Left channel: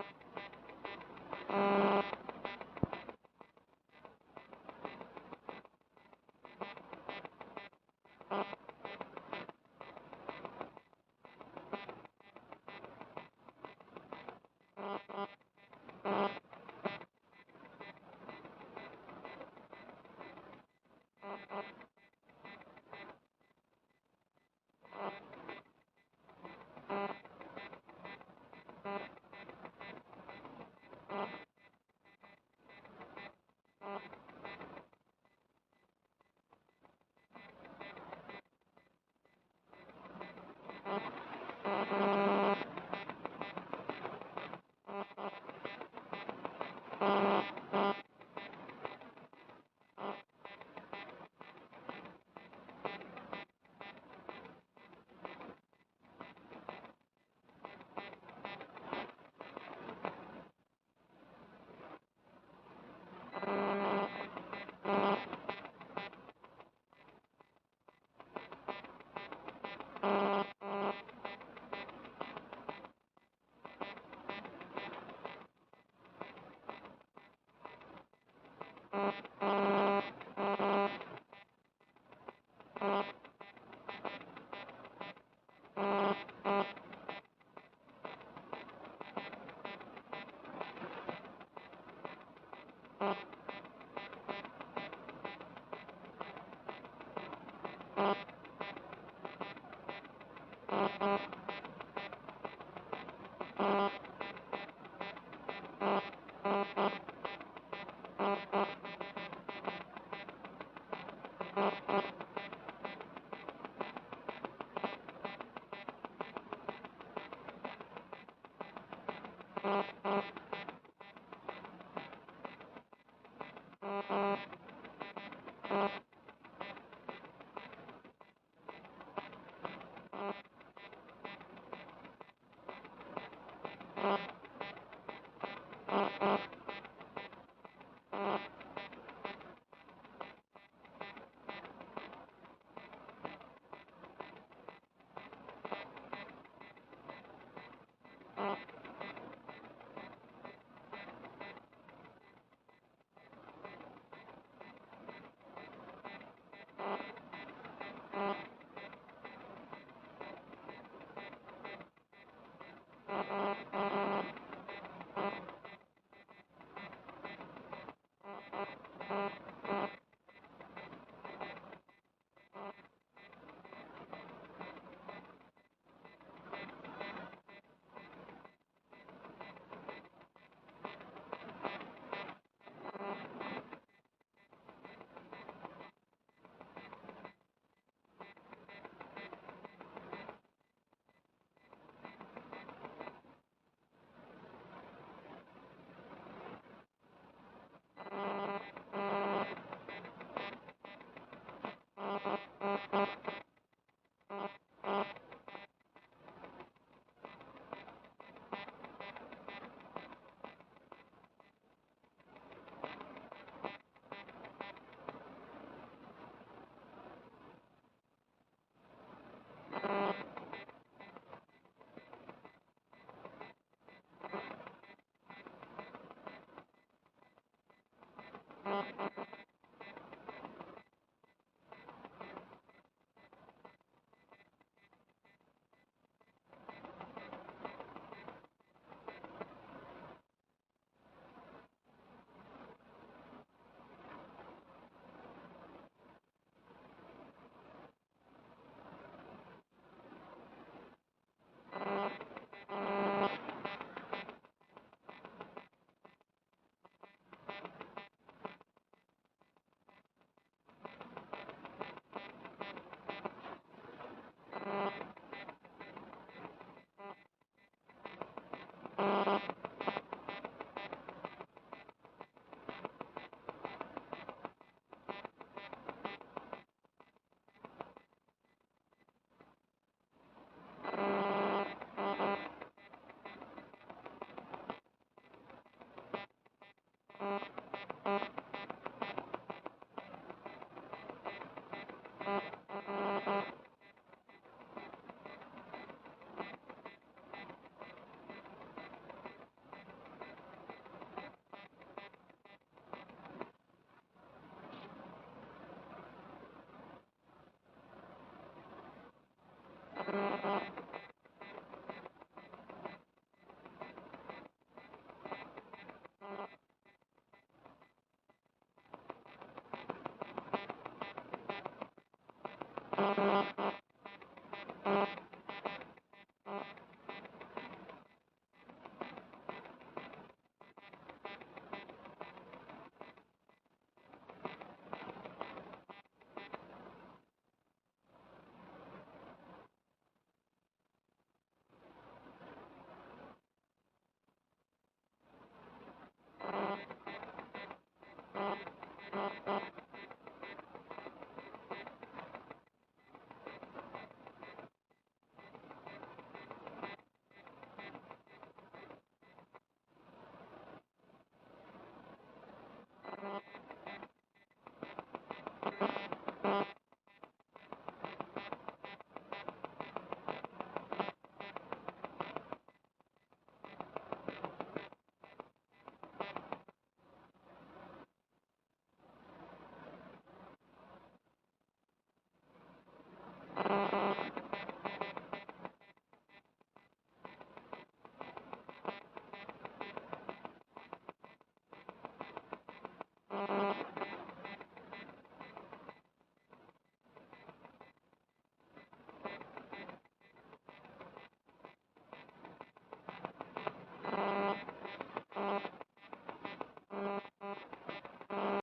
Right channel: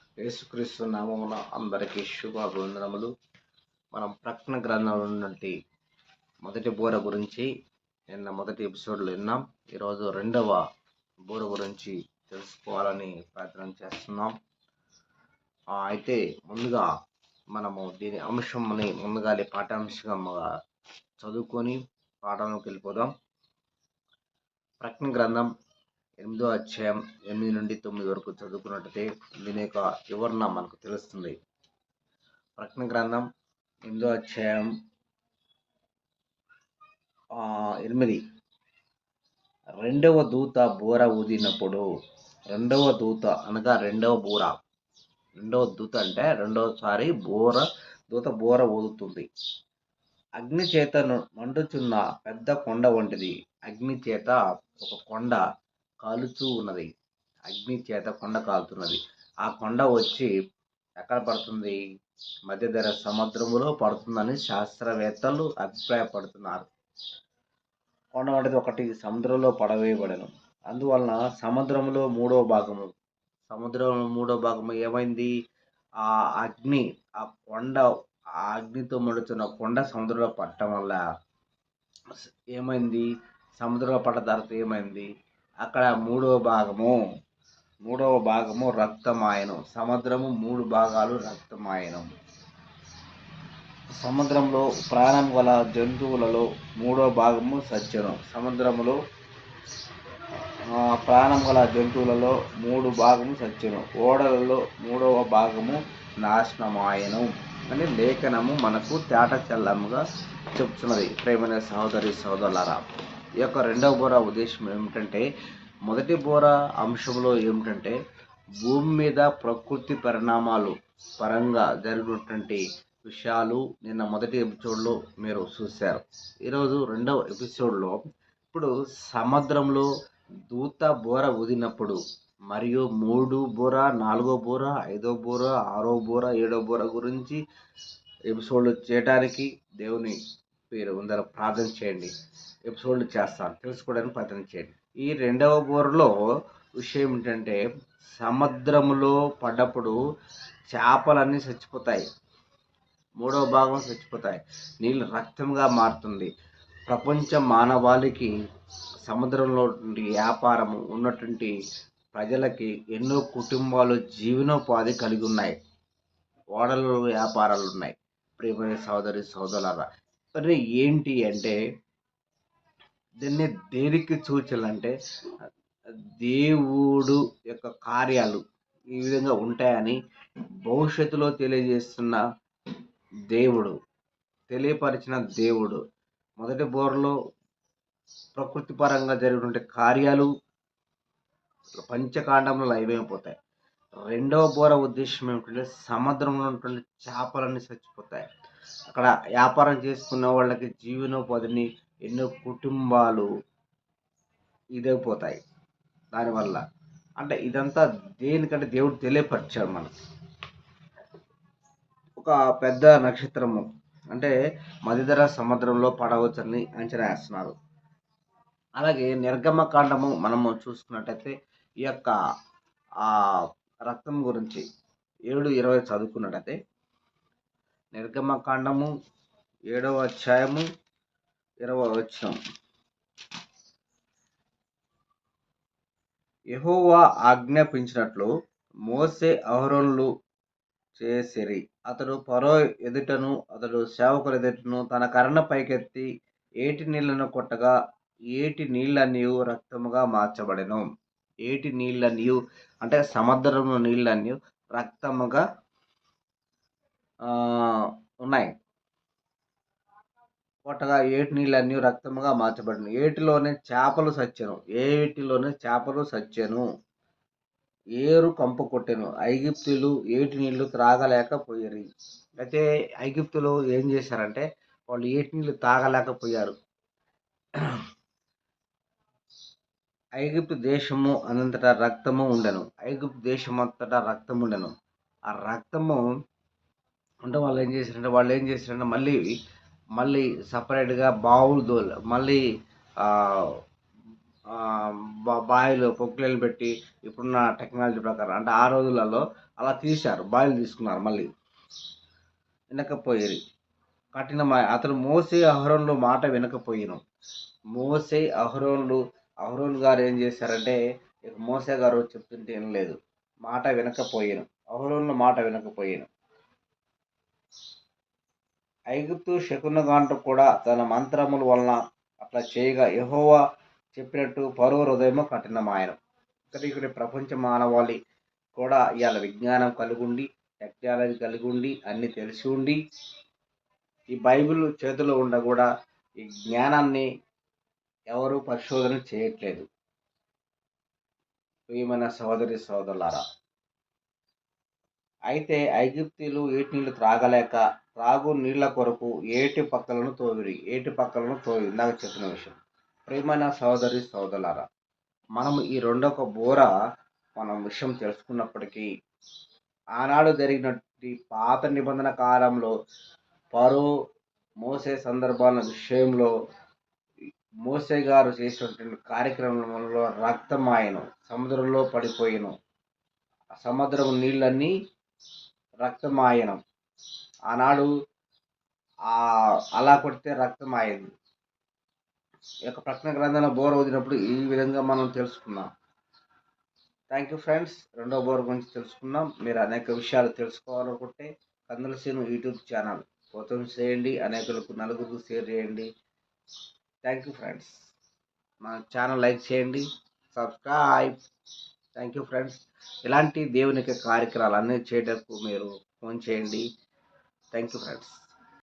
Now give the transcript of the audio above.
యేసుక్రీస్తు నామమున అందరికీ శుభాభివందనములు. మనం ప్రకటన గ్రంథంలో ఉన్నటువంటి మొదటి బోర గురించి నిన్న మొదటి ఎపిసోడ్లో విన్నాం. ఈరోజు రెండవ బోర గురించి తెలుసుకోవాలని ప్రయత్నం చేస్తున్నాం. అయితే ముందుగా మనము దీని అంశంని ముందుగానే పాఠ్యాంశంగా చదువుకొని పాఠంలోకి వెళ్ళిపోదాం. ప్రకటన గ్రంథం 8వ అధ్యాయం 8 నుండి 9 వరకు చదువుకున్నట్టయితే దీని యొక్క వివరణ మనకు తెలుస్తుంది. ప్రకటన గ్రంథం 8వ అధ్యాయం 8. రెండవ దూత బోర ఊదినప్పుడు, రెండవ దూత అనగా రెండవ బోర, రెండవ దూత అంటే రెండవసారి దూత బోర ఊదుతుంది. అగ్ని చేత మండుచున్న పెద్ద కొండ వంటిది. అగ్ని చేత ఒక కొండ కాలుతూ ఉన్నది. అగ్ని చేత కొండ కాలుతున్నది. ఆ కొండ వచ్చి ఎక్కడ పడుతుంది? మధ్యధర సముద్రములో పడుతుందని శాస్త్రవేత్తలు అభిప్రాయపడుతున్నారు. కొండ వంటిది ఒకటి సముద్రంలో పడవేయబడింది. అందువలన సముద్రంలో మూడవ భాగము ఏమైంది? ఆ అగ్ని, ఆ కొండ, ఆ అగ్నితో మండుతున్న కొండ సముద్రంలో పట్టడం వల్ల ఏమైంది? సముద్రంలో పడ్డ తర్వాత ఏమైంది? అక్కడ మూడవ భాగము రక్తమాయను. సముద్రము 3 భాగాలు రక్తమాయను. సముద్రంలో ప్రాణం గల జంతువులలో 3వ భాగము సత్యము. సముద్రములో ప్రాణం గల జంతువులలో 3 భాగము సత్యము. ఓడలలో 3వ భాగము నాశనమాయను అని లేఖనము మనకు తేట చెల్లముగా చెప్తున్నది. ప్రేమైన సహోదరి సహోదరులారా, ఈ యొక్క రెండవ బోర ఉద్దేశం ఏమిటంటే, మొదటి బోర అంశంలో ఏమిటంటే భూమి మీద ప్రకృతి పరిణామాలు పరంగా జరిగినటువంటి విషయాలు నిన్న మొదటి ఎపిసోడ్లో మీరు చూశారు. ఈరోజు రెండవ ఎపిసోడ్లో ఇప్పుడు సముద్రంలో దూత బోర ఊదినప్పుడు మరియు 3 బోర, 4వ బోర, 5వ బోర, 6వ బోర, 7వ బోర గురించి ఎపిసోడ్లు చేయడానికి దేవుని పేరు అందరూ ప్రార్థన చేయండి. ఎపిసోడ్లు చేస్తాను, తెలుసుకోవడానికి ప్రయత్నం చేయండి. ఈ రెండవ బోరలో విషయం ఏంటంటే, సముద్రములో పడ్డప్పుడు చేపలన్నీ చచ్చిపోతాయి. 3వ భాగం చచ్చిపోతాయి. నీళ్ళు రక్తంగా మారుతుంది. ప్రపంచ మానవాళికి సముద్రంలో వ్యాపారం ఉన్నటువంటి ప్రజలకి ఎన్నో కుటుంబాలు జీవనోపాధి కలిగి ఉన్నాయి. ఓడల వ్యాపారాలు ఉన్నాయి. ప్రియమైన సహోదరి సహోదరులారా, మరి ఏంటి అంటే దీన్ని దేనికి సూచనలంటే దేవుడు యొక్క కార్యాలు ఈ విధంగా ఉంటాయని భవిష్యత్తులో తెలియపరిచిన దేవుడు. మొదటి బోర్లో ప్రకృతి పరంగా జరిగినటువంటి కార్యాలు పంచకాండంలో లైవైపోతాయి. రెండవ బోర ఉద్దేశం ఏమిటంటే సముద్రంలో ఉన్నటువంటి చేపలన్నీ చచ్చిపోతాయి. అక్కడ వ్యాపారం చేసుకున్న వాళ్ళకి జీవనోపాధిని ఎన్నో కుటుంబాలు ఇదైపోతాయి. దానివల్ల అంటే ఇదంతా దేనికంటే దేవుడు తెలియపరిచాడు మనకు. ఒక పెద్ద నక్షత్రము అంటే మధ్యధరా సముద్రంలో పడవచ్చని అంచనా వేస్తున్నారు. అలాగే నిర్గమకాండము మనము చూసుకున్నట్టయితే ఈ యొక్క రక్తం గురించి 7:20 చదువుకున్నట్టయితే, నిర్గమకాండము 7వ అధ్యాయము 20వ వచనం. యెహోవా ఆజ్ఞాపించినట్లు మోసే అహరోనులు చేసిరి. అతడు ఫరో ఎదుటను అతడు సేవకుల ఎదుటను తన కర్ణ పైకెత్తి ఏటి నీళ్లను కొట్టగా ఏటి నీళ్ళన్నీ రక్తముగా మార్చబడెను. ఏటి నీళ్ళన్నీ అంటే సముద్రంలో నీళ్ళన్నీ రక్తముగా ఉన్నాయి. కొట్టగా ఏటి నీళ్ళన్నీ రక్తముగా మార్చబడిన. ఏటిలోనే చేపలు సచ్చెను. ఏరు కంప కొట్టెను. ఐగుప్తులు ఏటి నీళ్లు త్రాగలేకపోయారు. అయితే ఐగుప్తులు ఏం చేశారంటే వాళ్ళు ఏటి నీళ్లు తాగలేకపోయారు. ఐగుప్తు దేశము అనంతటా రక్తము ఉండెను. ఆ రక్తము అంటే వాళ్ళు ఏం చేశారంటే మళ్ళీ సపరేట్గా బావులు మళ్ళీ బావిలో పొక్కులను పెట్టి ఇప్పుడున్న టెక్నాలజీ ప్రకారం అంటే ఆ రోజులలో అలా తీశారు, బాయిలు తీసుకున్నారు, మళ్ళీ వినకపోయిరి. కఠినమాయ అతను మోసే అహరోన్లు మాట వినకపోయిను. మోసే అహరోన్ గారు ఏం చేశారంటే, ఇక మోసే గారు చెప్తుంటే వినలేదు, మాట వినకపోయాను, అహరోన్లు మాట వినకపోయాను. ఐగుప్తు శకునగాండ్రు కూడా తన మంత్రముల వలన అట్లా చేయగా యెహోవా చెప్పినట్టు ఫరో హృదయము కఠినమాయను. ఇక్కడ ప్రపంచ మానవాళి కూడా ఇవాళ విజ్ఞానం కలిగి ఉండి, టెక్నాలజీ కలిగి ఉండి, అన్ని తెలిసి ఉండి, ఈ బైబిల్ చేతిలో ఉండ కూడా ఈ జ్ఞానాన్ని ఎవరు పరిశోధన చేయట్లేదు. ప్రియమైన సహోదరి సహోదరులారా, అయితే ఐగుప్తీయులు ఏటి నీళ్లు త్రాగలేక త్రాగు నీళ్ల కొరకు ఏటి పక్కలను తోవి నాకు చెప్పిన విషయం. ప్రియమైన సహోదరి సహోదరులారా, మనం ఈ రెండొక బోర మనం విషయం తెలుసుకున్నప్పటికీ, ఆనాడు జరిగినటువంటి పాత నిబంధన కాలంలో ఫరో మోసే సందర్భాల విషయంలో మోసే గారు చేసినటువంటి కార్యక్రమంలో రక్తమాయను, సముద్రంలో పడిపోయిను, సముద్రం నీళ్ళన్నీ రక్తమాయనం. ఆనాడు అలా కొడితే రక్తమాయింది. ఈ యొక్క ప్రకటన గ్రంథంలో బోర వదిలినప్పుడు ఈ విధంగా మనం తెలుసుకున్నాం. Thank you friends. రెండో బోర్ గురించి తెలుసుకున్నాం. మీరు అనేక విషయాలు తెలుసుకోవాలనుకుంటే కందుల సీను యూట్యూబ్ ఛానల్ ఓపెన్ చేయండి, అనేకులకు నలుగురికి షేర్ చేయండి. Thank you friends. మా ఛానల్ లైక్ చేయండి, సబ్స్క్రైబ్. Thank you friends. ఇలాంటి దేవునికి కార్యక్రమాలు అన్నీ చేయడానికి మీరు ఫోన్ చేయండి. Thank you friends.